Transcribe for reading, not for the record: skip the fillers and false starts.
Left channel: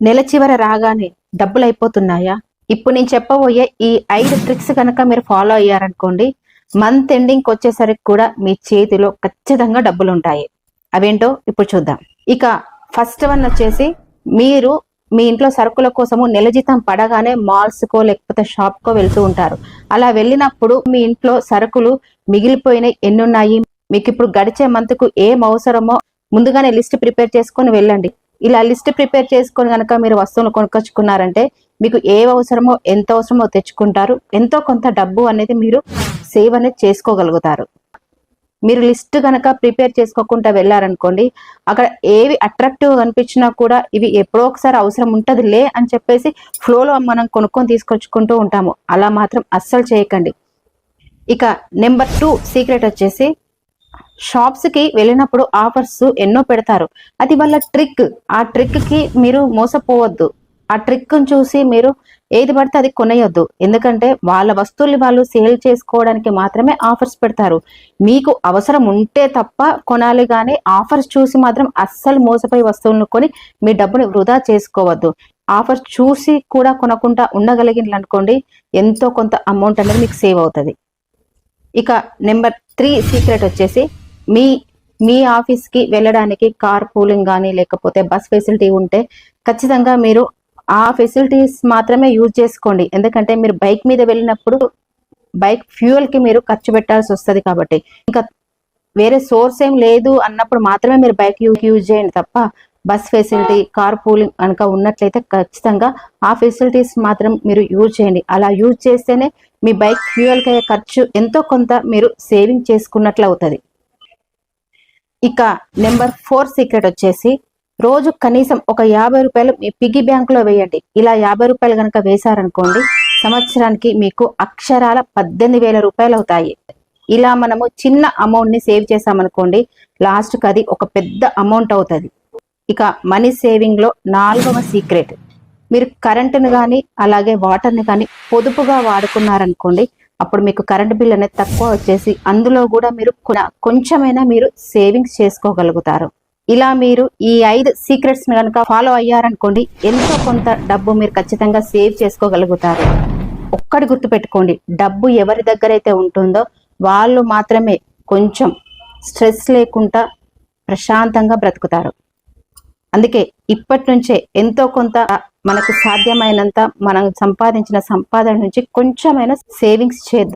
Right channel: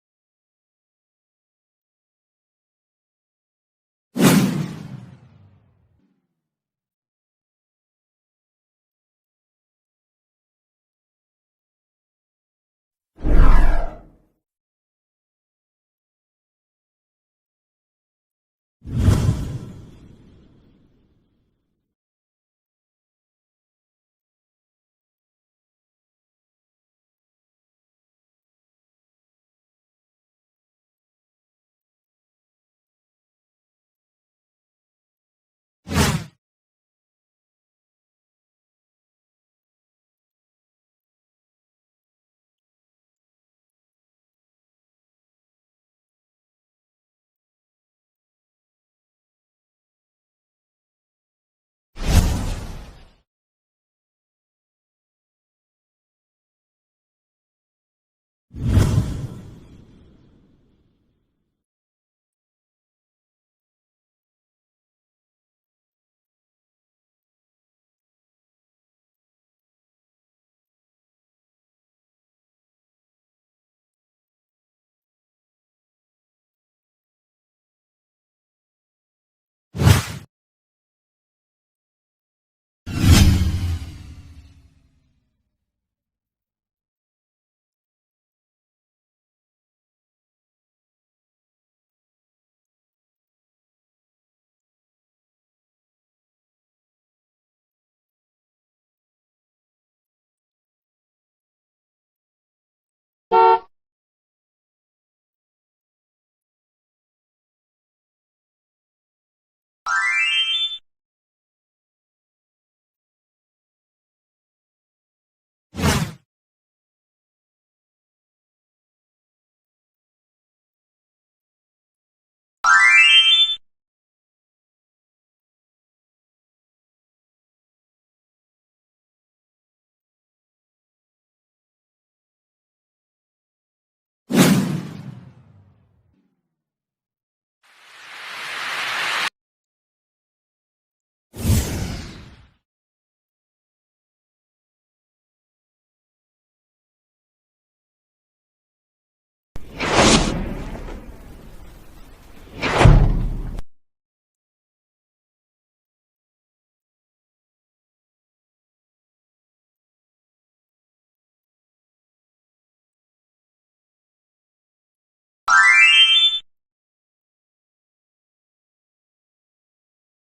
నెల చివర రాగానే డబ్బులు అయిపోతున్నాయా? ఇప్పుడు నేను చెప్పబోయే ఈ 5 ట్రిక్స్ కనుక మీరు ఫాలో అయ్యారనుకోండి, మంత్ ఎండింగ్‌కి వచ్చేసరికి కూడా మీ చేతిలో ఖచ్చితంగా డబ్బులుంటాయి. అవేంటో ఇప్పుడు చూద్దాం. ఇక ఫస్ట్ వన్ వచ్చేసి, మీరు మీ ఇంట్లో సరుకుల కోసము నెల జీతం పడగానే మాల్స్‌కో లేకపోతే షాప్‌కో వెళ్తూ ఉంటారు. అలా వెళ్ళినప్పుడు మీ ఇంట్లో సరుకులు మిగిలిపోయినయి ఎన్నున్నాయి? మీకిప్పుడు గడిచే మంత్‌కు ఏం అవసరమో ముందుగానే లిస్ట్ ప్రిపేర్ చేసుకొని వెళ్ళండి. ఇలా లిస్ట్ ప్రిపేర్ చేసుకొని గనక మీరు వస్తువులు కొనుక్కొచ్చుకున్నారంటే, మీకు ఏవి అవసరమో, ఎంత అవసరమో తెచ్చుకుంటారు. ఎంతో కొంత డబ్బు అనేది మీరు సేవ్ అనేది చేసుకోగలుగుతారు. మీరు లిస్ట్ గనక ప్రిపేర్ చేసుకోకుండా వెళ్లారనుకోండి, అక్కడ ఏవి అట్రాక్టివ్‌గా కనిపించినా కూడా ఇవి ఎప్పుడో ఒకసారి అవసరం ఉంటదిలే అని చెప్పేసి ఫ్లోలో మనం కొనుక్కొని తీసుకొచ్చుకుంటూ ఉంటాము. అలా మాత్రం అస్సలు చేయకండి. ఇక నెంబర్ 2 సీక్రెట్ వచ్చేసి, షాప్స్‌కి వెళ్ళినప్పుడు ఆఫర్స్ ఎన్నో పెడతారు. అది వాళ్ళ ట్రిక్. ఆ ట్రిక్‌కి మీరు మోసపోవద్దు. ఆ ట్రిక్‌ని చూసి మీరు ఏది పడితే అది కొనేయొద్దు. ఎందుకంటే వాళ్ళ వస్తువుల్ని వాళ్ళు సేల్ చేసుకోవడానికి మాత్రమే ఆఫర్స్ పెడతారు. మీకు అవసరం ఉంటే తప్ప కొనాలి గానీ, ఆఫర్స్ చూసి మాత్రం అస్సలు మోసపోయి వస్తువులను కొని మీ డబ్బుని వృధా చేసుకోవద్దు. ఆఫర్స్ చూసి కూడా కొనకుండా ఉండగలిగినరనుకోండి, ఎంతో కొంత అమౌంట్ అనేది మీకు సేవ్ అవుతది. ఇక నెంబర్ 3 సీక్రెట్ వచ్చేసి, మీ మీ ఆఫీస్‌కి వెళ్ళడానికి కార్ పూలింగ్ గానీ, లేకపోతే బస్ ఫెసిలిటీ ఉంటే ఖచ్చితంగా మీరు ఆ ఫెసిలిటీస్ మాత్రమే యూజ్ చేసుకోండి. ఎందుకంటే మీరు బైక్ మీద వెళ్ళినప్పుడు బైక్ ఫ్యూయల్‌కి మీరు ఖర్చు పెట్టాల్సొస్తది కాబట్టి. ఇంకా వేరే సోర్స్ ఏం లేదు అన్నప్పుడు మాత్రమే మీరు బైక్ యూజ్ చేయండి తప్ప, బస్ ఫెసిలిటీ, కార్ పూలింగ్ గనక ఉన్నట్లయితే ఖచ్చితంగా ఆ ఫెసిలిటీస్ మాత్రం మీరు యూజ్ చేయండి. అలా యూజ్ చేస్తేనే మీ బైక్ ఫ్యూయల్‌కి అయ్యే ఖర్చు ఎంతో కొంత మీరు సేవింగ్ చేసుకున్నట్లవుతది. ఇక నెంబర్ 4 సీక్రెట్ వచ్చేసి, రోజు కనీసం ఒక రూ. 50 మీ పిగ్గీ బ్యాంక్‌లో వేయండి. ఇలా రూ. 50 గనక వేశారనుకోండి, సంవత్సరానికి మీకు అక్షరాల రూ. 18,000 అవుతాయి. ఇలా మనము చిన్న అమౌంట్‌ని సేవ్ చేశామనుకోండి, లాస్ట్‌కి అది ఒక పెద్ద అమౌంట్ అవుతది. ఇక మనీ సేవింగ్‌లో 4వ సీక్రెట్, మీరు కరెంట్‌ని గానీ, అలాగే వాటర్‌ని కానీ పొదుపుగా వాడుకున్నారనుకోండి, అప్పుడు మీకు కరెంట్ బిల్ అనేది తక్కువ వచ్చేసి, అందులో గూడా మీరు కొంచెమైనా మీరు సేవింగ్స్ చేసుకోగలుగుతారు. ఇలా మీరు ఈ 5 సీక్రెట్స్‌ని గనక ఫాలో అయ్యారనుకోండి, ఎంతో కొంత డబ్బు మీరు ఖచ్చితంగా సేవ్ చేసుకోగలుగుతారు. ఒక్కటి గుర్తుపెట్టుకోండి, డబ్బు ఎవరి దగ్గరైతే ఉంటుందో వాళ్ళు మాత్రమే కొంచెం స్ట్రెస్ లేకుండా ప్రశాంతంగా బ్రతుకుతారు. అందుకే ఇప్పటి నుంచే ఎంతో కొంత మనకు సాధ్యమైనంత మనం సంపాదించిన సంపాదన నుంచి కొంచెమైనా సేవింగ్స్ చేద్దాం.